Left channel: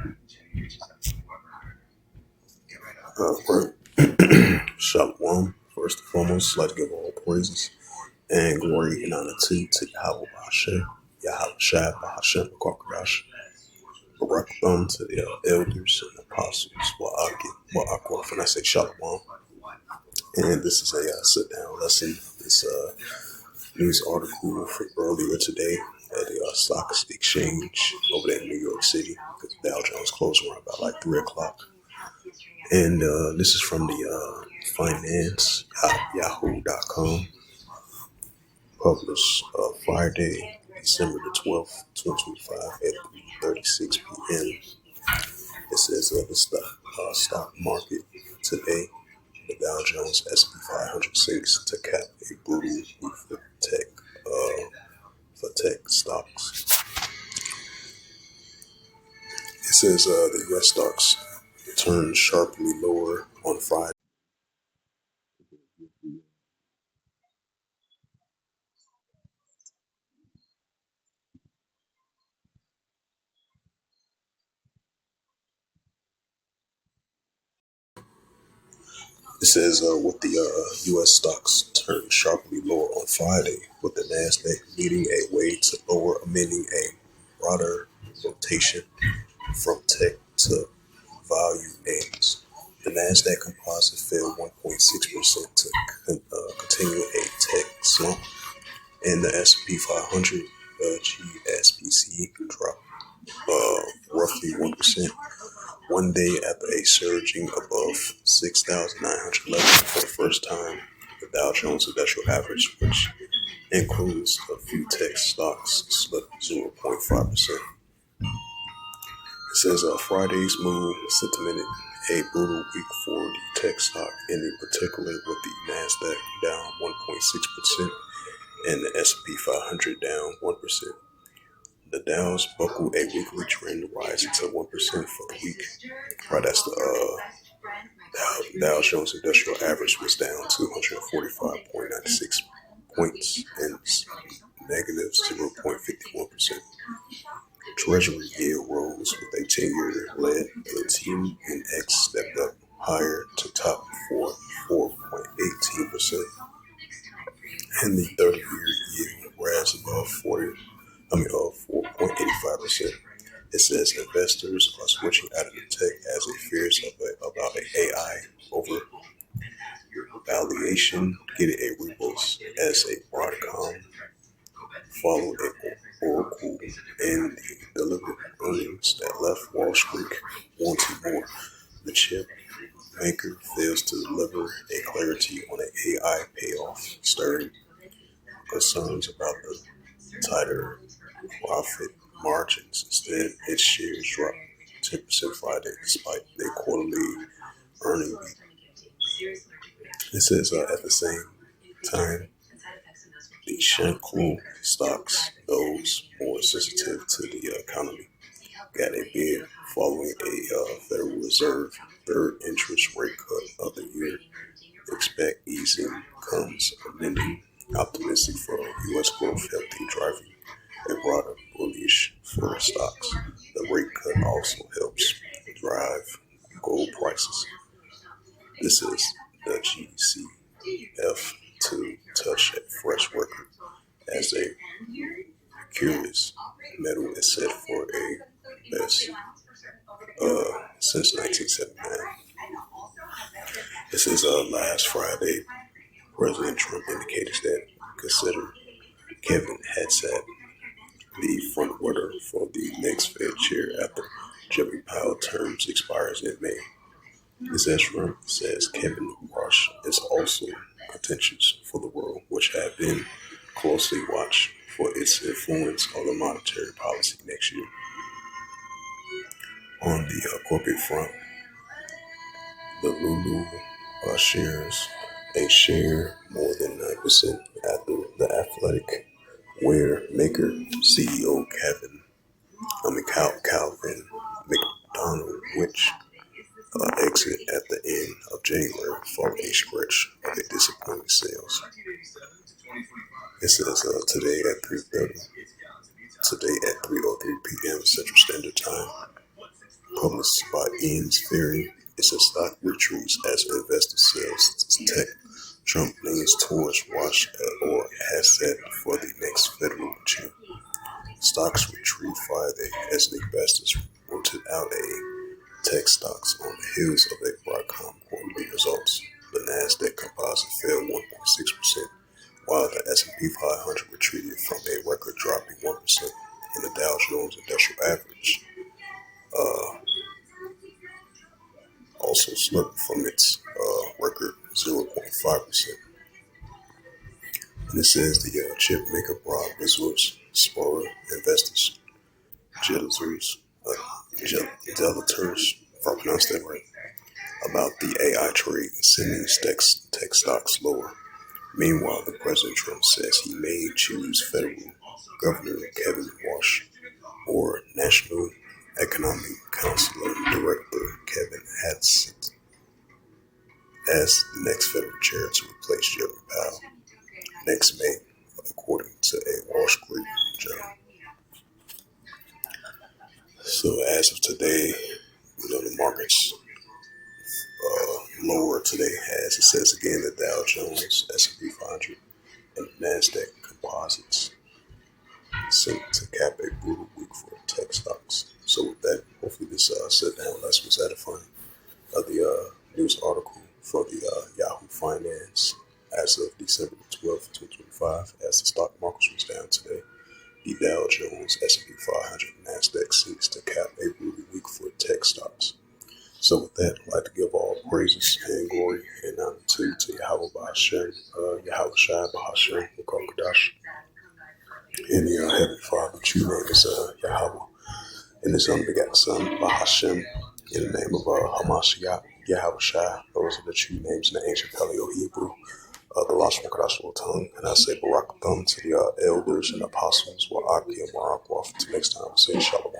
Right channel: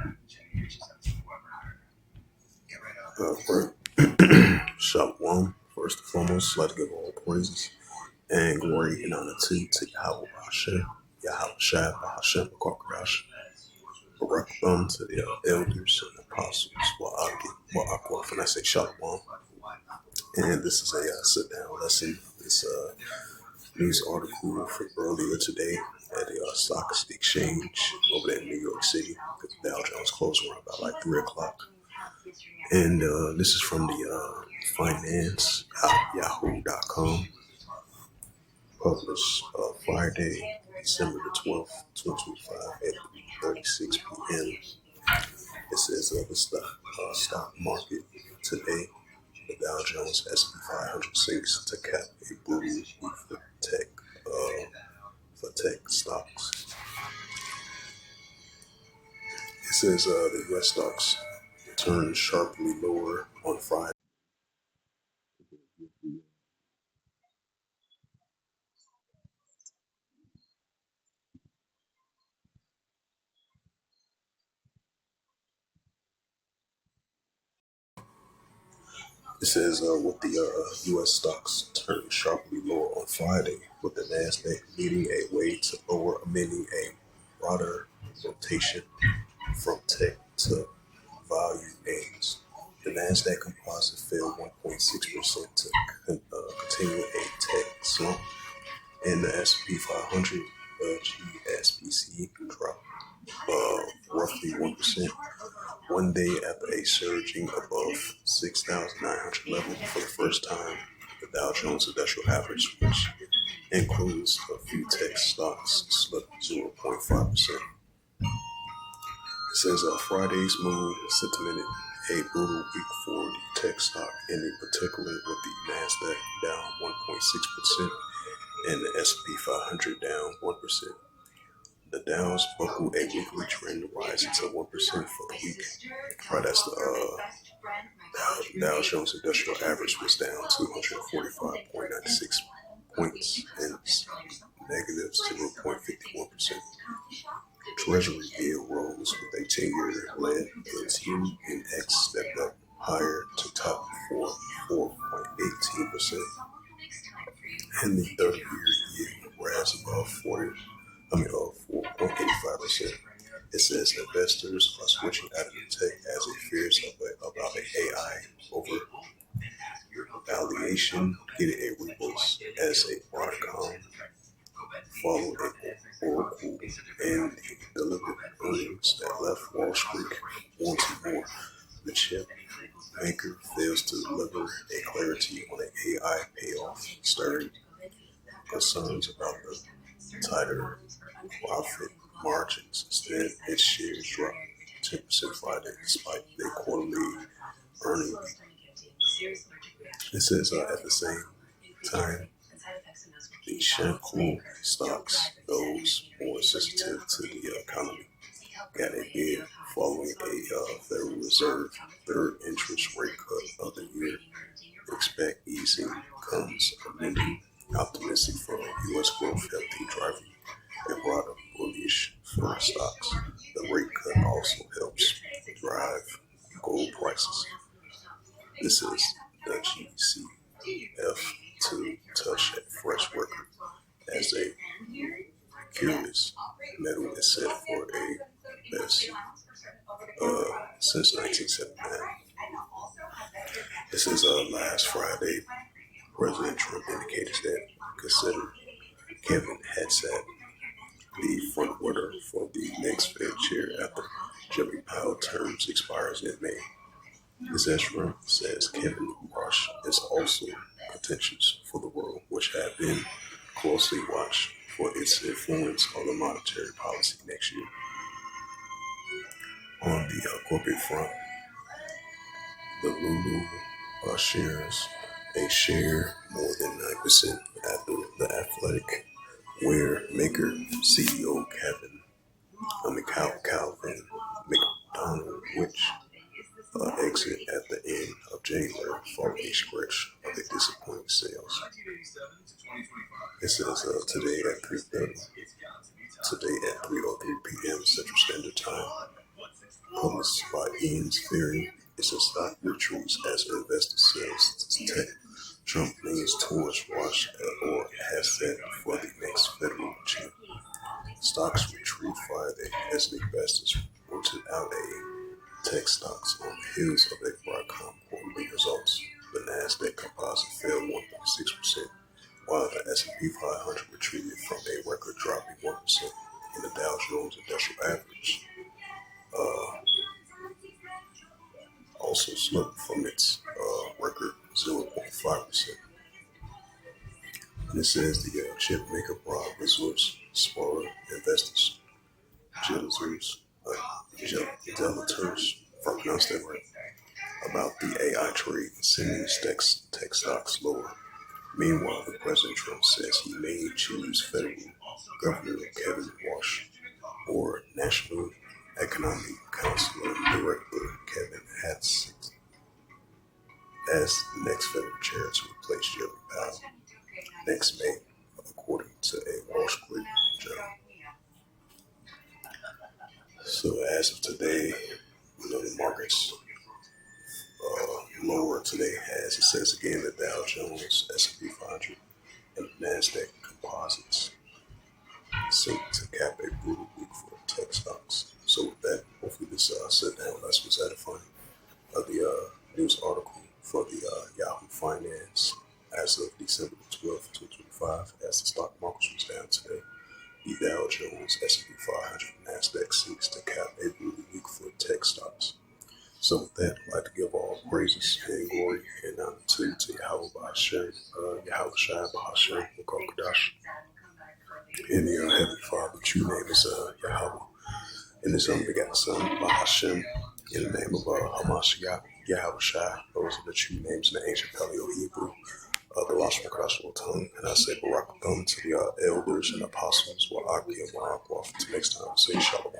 Right. Shalom. First and foremost, I'd like to give all praises and glory and honor to Yahweh Hashem, Yahweh Shai, Hashem, Kwakadash, Barakam, to the elders and apostles, Wa'akwa, and I say Shalom. And this is a sit down lesson. This news article from earlier today at the stock exchange over there in New York City. The Dow Jones closed around about like 3 o'clock. And this is from the finance yahoo.com, published Friday, December the 12th, 2025 at 3:36 p.m. It says stock market today, the Dow Jones S&P 500 sinks to cap a brutal move for tech stocks. It says the U.S. stocks turned sharply lower on Friday. It says with the U.S. stocks turned sharply lower on Friday, with the Nasdaq leading a way to lower, amending a broader rotation from tech to value names. The Nasdaq composite fell 1.6% to continue a tech slump, and the S&P 500 GSBC dropped roughly 1%. One day after a surging above 6,900 levels for the first time, the Dow Jones Industrial Average, which includes a few tech stocks, slipped 0.5%. It says Friday's move cemented a brutal week for the tech stock, and in particular with the Nasdaq down 1.6% and the S&P 500 down 1%. The Dow's buckled a weekly trend rising to 1% for the week. Right, that's the Dow Jones Industrial Average was down 245.96 points and negative 0.51%. Treasury yield rose with a 10-year led the and X stepped up higher to top 4.18%, and the 30-year yield rose above 4.85%. It says investors are switching out of the tech as it fears about an AI over valuation getting a reboost as a Broadcom followed a Oracle and delivered earnings that left Wall Street wanting more. The chip maker fails to deliver a clarity on an AI payoff, stirring concerns about the tighter profit margins. Instead, its shares dropped 10% Friday despite their quarterly earnings. It says at the same time, the Shanklin stocks, those more sensitive to the economy, got a bid following a Federal Reserve third interest rate cut of the year. Expect easing comes amending optimistic for U.S. growth, healthy driving a broader bullish for stocks. The rate cut also helps drive gold prices. This is the GCF to touch a fresh record as a curious metal is set for a best since 1979. This is last Friday. President Trump indicated that consider Kevin Hadsad the front runner for the next Fed chair after Jeremy Powell terms expires in May. Ms. Trump says Kevin Rush is also contentious for the world, which have been closely watched for its influence on the monetary policy next year. On the corporate front, the Lulu shares a share more than 9% after the athletic wear maker CEO Calvin McDonald, which exit at the end of January following a stretch of a disappointing sales. It says today at 3:03 p.m. Central Standard Time, published by Ian's Theory, is a stock retreats as investor sells tech. Trump leans towards watch or has set for the next federal chief. Stocks retreat Friday as investors rooted out tech stocks on the heels of a Broadcom quarterly results. The Nasdaq composite fell 1.6%, while the S&P 500 retreated from a record dropping 1%, and the Dow Jones Industrial Average also slipped from its record 0.5%. And it says the chip maker broad resource spoiler investors, Delators, if I pronounced that right, about the AI trade and sending tech stocks lower. Meanwhile, the President Trump says he may choose federal Governor Kevin Walsh or National Economic Council Director Kevin Hadsett as the next federal chair to replace Jeremy Powell next May, according to a Wall Street Journal. So as of today, the markets lower today, as it says again, the Dow Jones, S&P 500, and the Nasdaq composites seem to cap a brutal week for tech stocks. So with that, hopefully this sit down lesson was edifying. The news article for the Yahoo Finance as of December 12th, 2025, as the stock market was down today. The Dow Jones, S&P 500, and Nasdaq seeks to cap a brutal week for tech stocks. So with that, I'd like to give all praises and glory and honor to Yahweh Bahashem, Yahweh Shai Bahashem, Kokodash. In the Heavenly Father, true name is Yahweh, and His unbegotten Son, Bahashem, in the name of Hamashiach, Yahweh Shai. Those are the true names in the ancient Paleo Hebrew, the Lashon Kodash tongue. And I say Barak Thumb to the elders and apostles, Wa'aki and Wa'akwa. Until next time, say Shalom.